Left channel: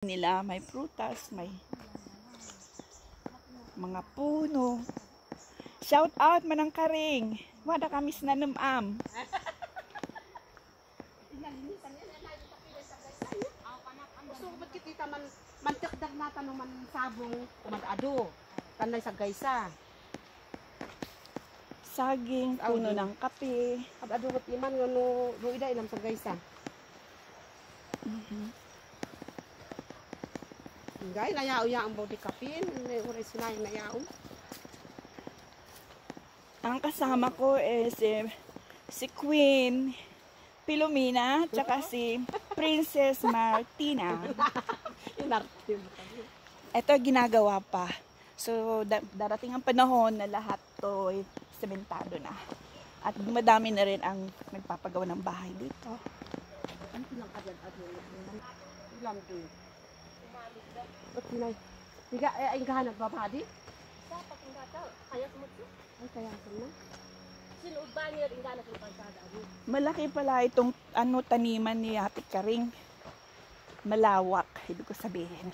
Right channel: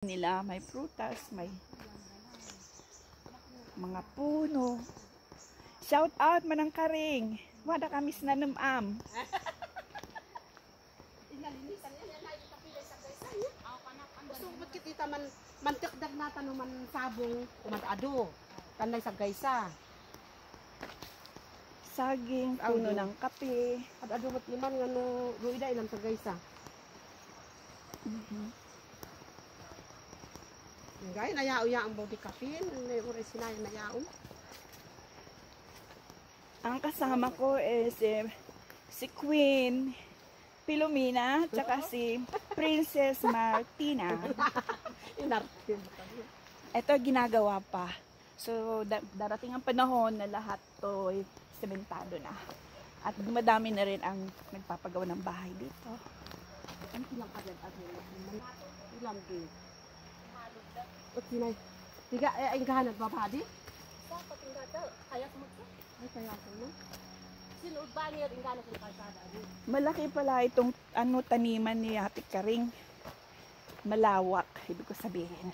nila, may prutas, may mga puno. Shout out manang karing. Wada kamis na numam. So magkikita man mantikdag na tanuman sabong kumag-ado. Tanay sa gaysa. Saging, puno ng kape. Ad-ado na piman ngano yung ida ilang sa gaysa. Gay nayao ya ang body kapin, uri sinay nayao. Ang kasama ko is si Queen Pilomena, tsaka si Princess Martina. Ito ginagawa pa. So darating ang panahon na lahat to sementado na. At dumadami na rin ang nagpapagawa ng bahay dito. Ano lang agad ilang din. Okay na. Tiga ay gahanap babadi. Sa patinggato, kayak mo ko. Ay kaya ko no. Sino banyer ingana ko pagkada. Malaki pala itong taniman ni Ate Karing. Malawak, ibig ko sabihin.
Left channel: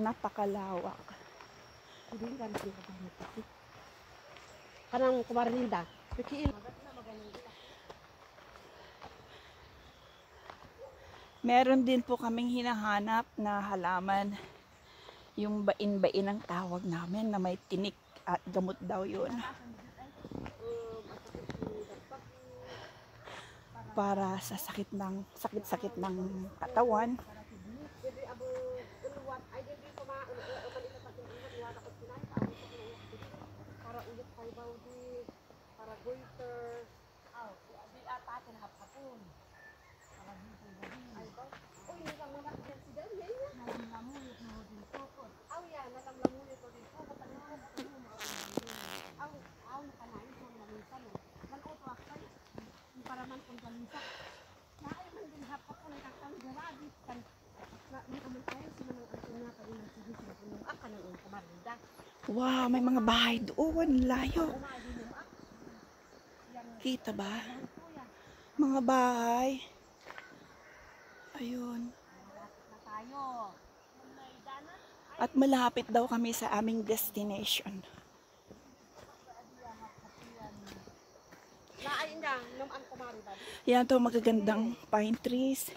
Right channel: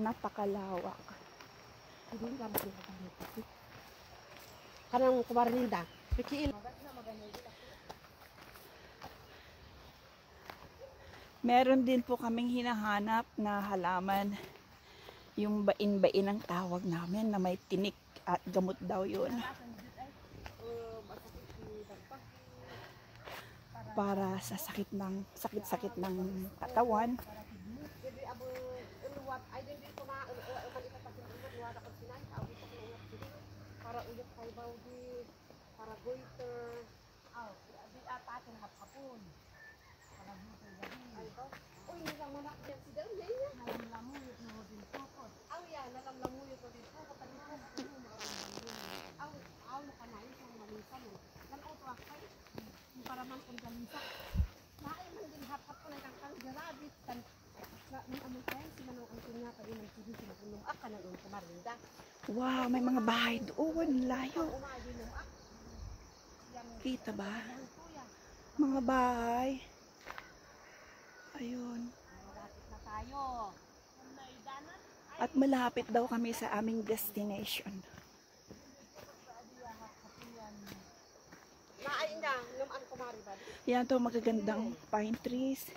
Napakalawak. Hindi ka natin kapag kanang kumarinda. Pikiil. Meron din po kaming hinahanap na halaman. Yung bain-bain ang tawag namin na may tinik at gamot daw yun. Para sa sakit ng katawan. Para ulit kayo daw di para goiter. Aw, di apatin hapon. Para dito di. Uy, lang mga president niya. Aw ya, nalamlamuyo to dito. Patanong ko. Aw nakanain sa maminsan. Nan auto akay. Para man kung galinsa. Naay man din hapat ko lang kang garabit kan. Na umay kayo si manong antin nga pa din sige sila kunong akan ng kumarinda. Wow, may mga bahay doon. Layo. Kita ba? Mga bahay. Ayun. At malapit daw kami sa aming destination. Yan to magagandang pine trees.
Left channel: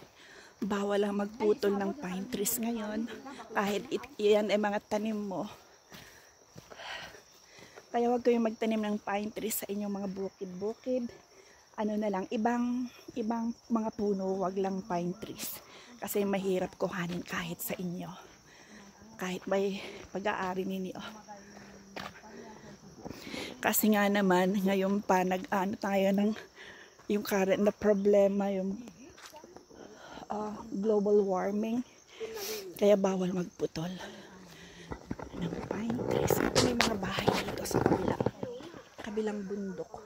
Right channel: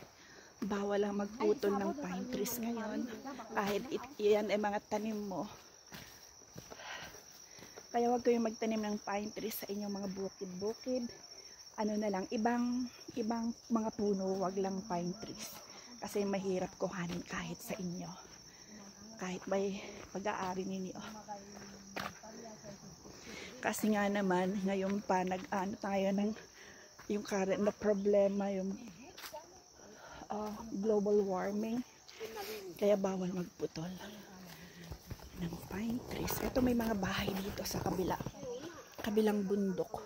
Bawal lang magputol ng pine trees ngayon. Kahit yan ay mga tanim mo. Kaya huwag kayong magtanim ng pine trees sa inyong mga bukid-bukid. Ano na lang, ibang mga puno, wag lang pine trees. Kasi mahirap kuhanin kahit sa inyo. Kahit may pag-aari ninyo. Kasi nga naman, ngayon pa nag-ano tayo ng yung current na problema, yung global warming. Kaya bawal magputol ng pine trees. Ito may mga bahay dito sa kabilang bundok.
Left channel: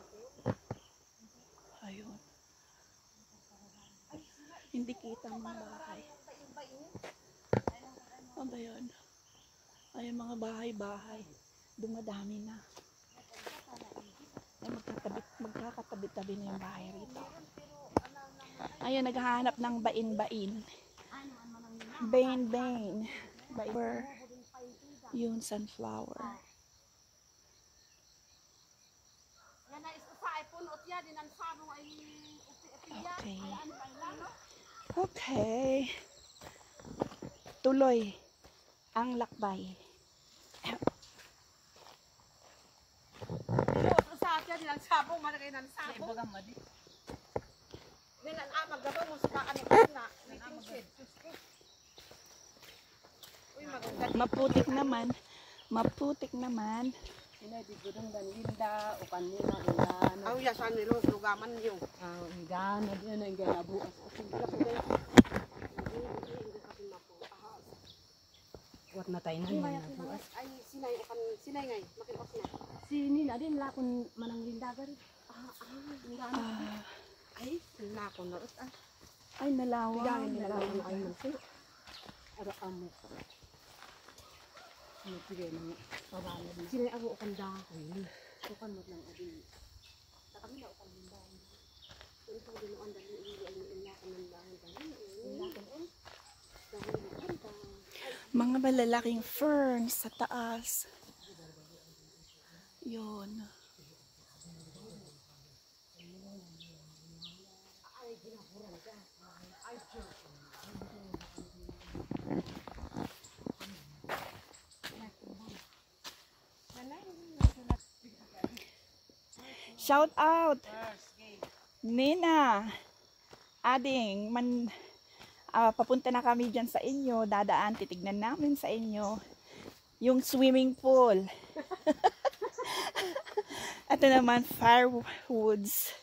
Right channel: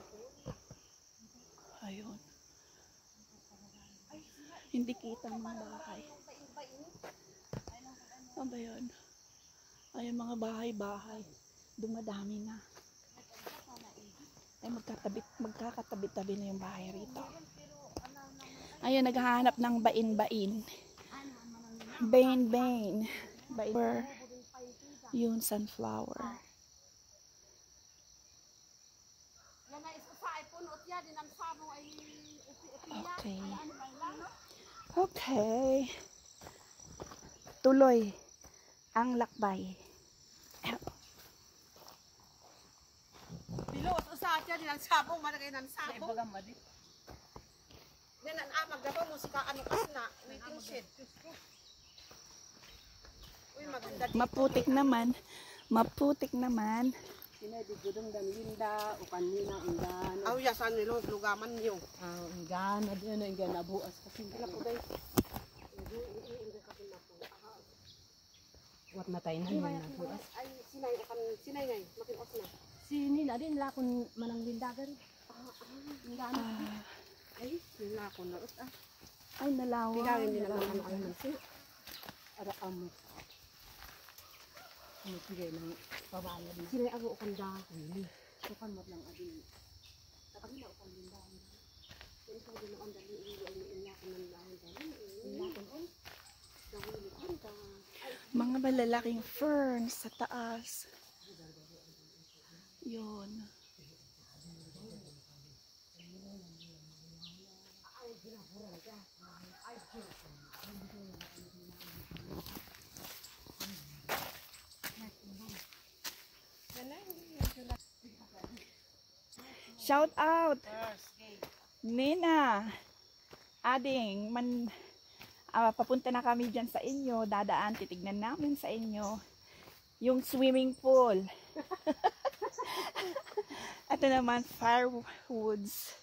Ayun. Hindi kita ang mga bahay. Ano ba yun? Ayun mga bahay-bahay. Dumadami na. Ay magkakatabi-tabi na yung bahay rito. Ayun, naghahanap ng bain-bain. Bain-bain. Yun, sunflower. Okay. Okay. Tuloy ang lakbay. Dilo sa atya dinan sabong malagay nan sabong. Dinan maggato mo sa ano na waiting shed. Uy maganda. Maputik naman. Sinay di gudong dan linda o kanina inggan. Aw ya san nilo lugaman niyo. Inggan na diyan inggan abuas kasi dala ko dai. Wat matay na man abuas. Ay sinay ngay makipas na. Sini na din la kun manang linda gari. Inggan. Ay na ko na Ay nalawa. Bigawin din lang ang mansi. Ara amo. Nagbigay ng pabalad na. Sila ako ukang dahon. Ukan mo lang adi. Sa kabila ukang lindahan. Kung ito din ang dali, ay niin na ako ng dahon. Mga malalaking ferns sa taas. Yun. Shout out! Nina! Ading, papunta na kami dyan sa inyo. Dadaan, titignan namin sa inyo yung swimming pool. Ito naman, firewoods.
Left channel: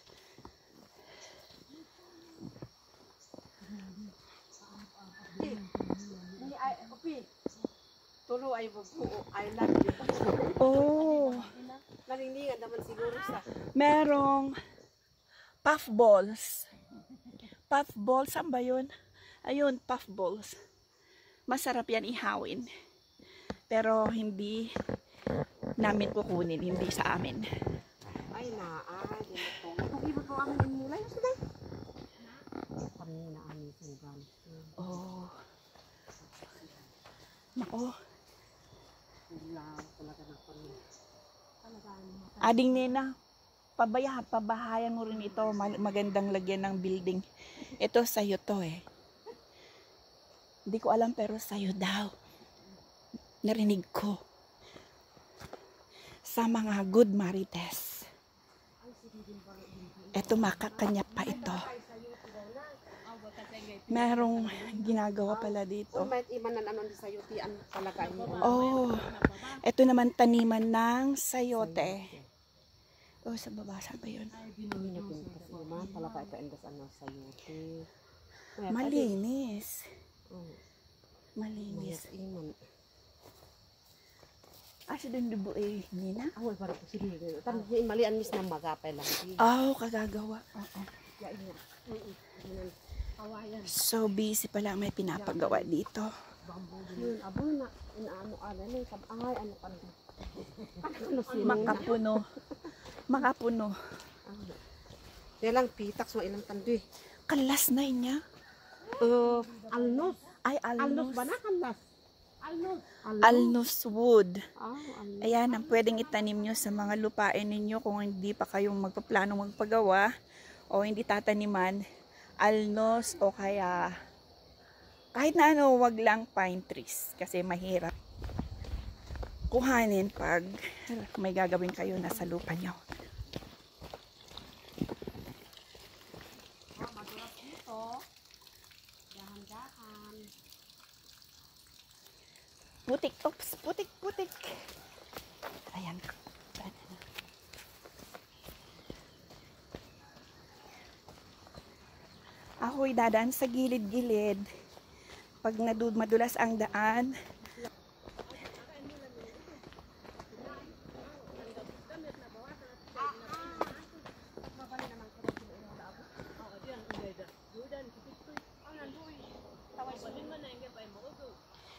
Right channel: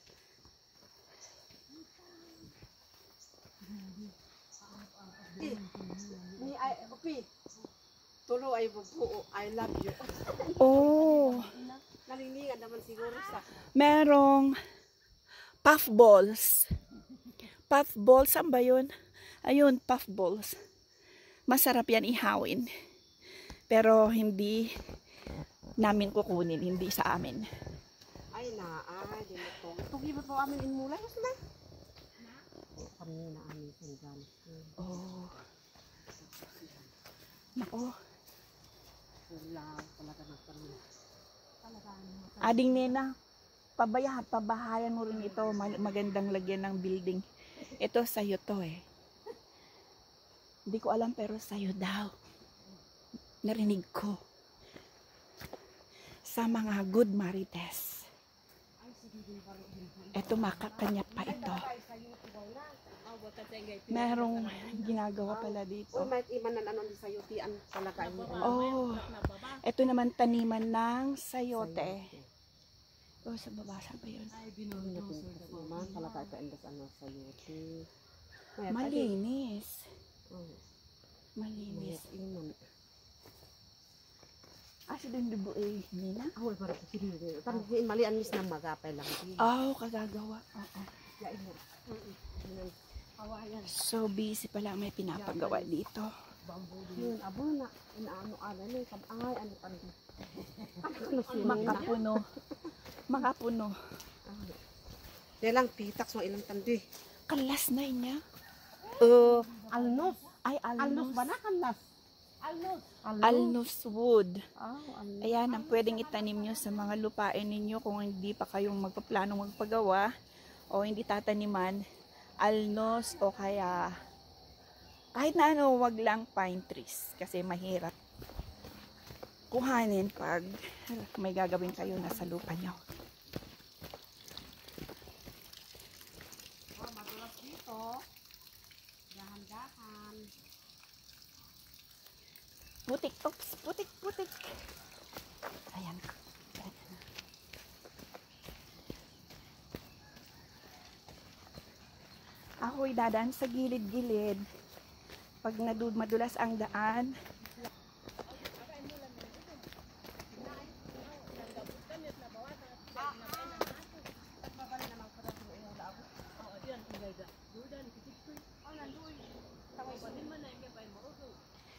Tulo ay bubuo. I love you. Oh! Nalinglingan naman siguro sa... Merong puff balls. Puff balls, saan ba yun? Ayun, puff balls. Masarap yan ihawin. Pero hindi namin kukunin, hindi sa amin. Ay ganito. Kung ibo po amin inmulay, sila. Kami na amin sanggan. Oh. Nako. Sila talaga ng pamilya. Ading Nena, pabahayan mo rin ito. Magandang lagyan ng building. Ito sa'yo to eh. Hindi ko alam pero sa'yo daw. Narinig ko. Sa mga good marites. Ito makakanya pa ito. Merong ginagawa pala dito. Oh, may imanan ano di sayote ang talaga mo. Oh, ito naman taniman ng sayote. Oh, sa baba, saan ba yun? Talaga ito ang ano sayote. Malinis. Malinis. Iman. Asa din dubo eh, Nina? Awal para ko sino. Tan malian mis na magapay lang. Oh, kagagawa. Ya ina. Awayan. So busy pala, may pinapagawa dito. Yun, abo na inaano ala ni kabangay ano kan. Makapuno. Makapuno. Ilang pitak so ilang tandi. Kalas na niya. Alnos. Ay, Alnos alnos. ba na kalas? Alnos. Alnos wood. Oh, alnos. Ayan, ang pwedeng itanim nyo sa mga lupain ninyo kung hindi pa kayong magpaplano magpagawa o hindi tataniman. Alnos o kaya kahit na ano, wag lang pine trees kasi mahirap kuhanin pag may gagawin kayo na sa lupa nyo. Putik, oops, putik, putik. Ayan. Ako'y dadaan sa gilid-gilid. Pag madulas ang daan,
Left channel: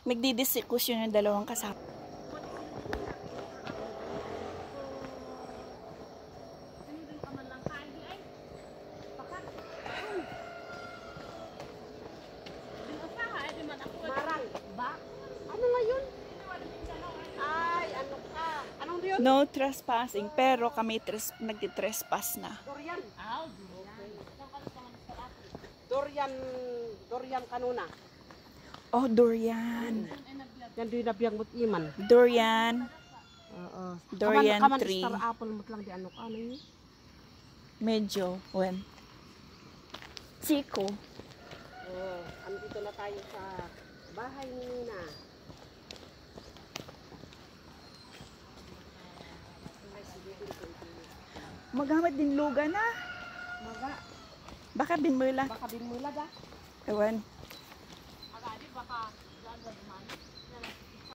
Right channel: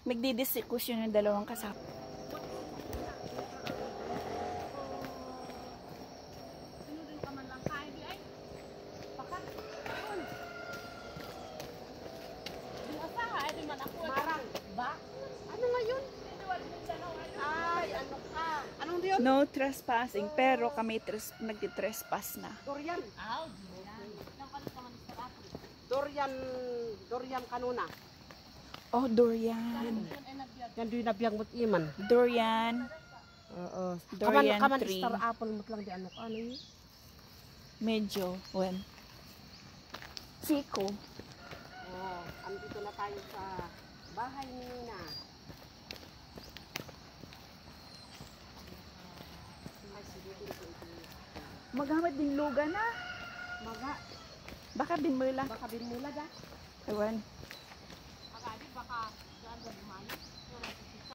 magdidiskusyon yung dalawang kasama. No trespassing, pero kami nag-trespass na. Durian. Durian kanuna. Oh, durian. Yan di nabiyang mot iman. Durian. Durian kaman tree. star apple mot lang di ano yun? Medyo, when? Chico. Oh, andito na tayo sa bahay ni Nina. Magamit din luga na. Maga. Baka binmula. Baka binmula da. Ewan.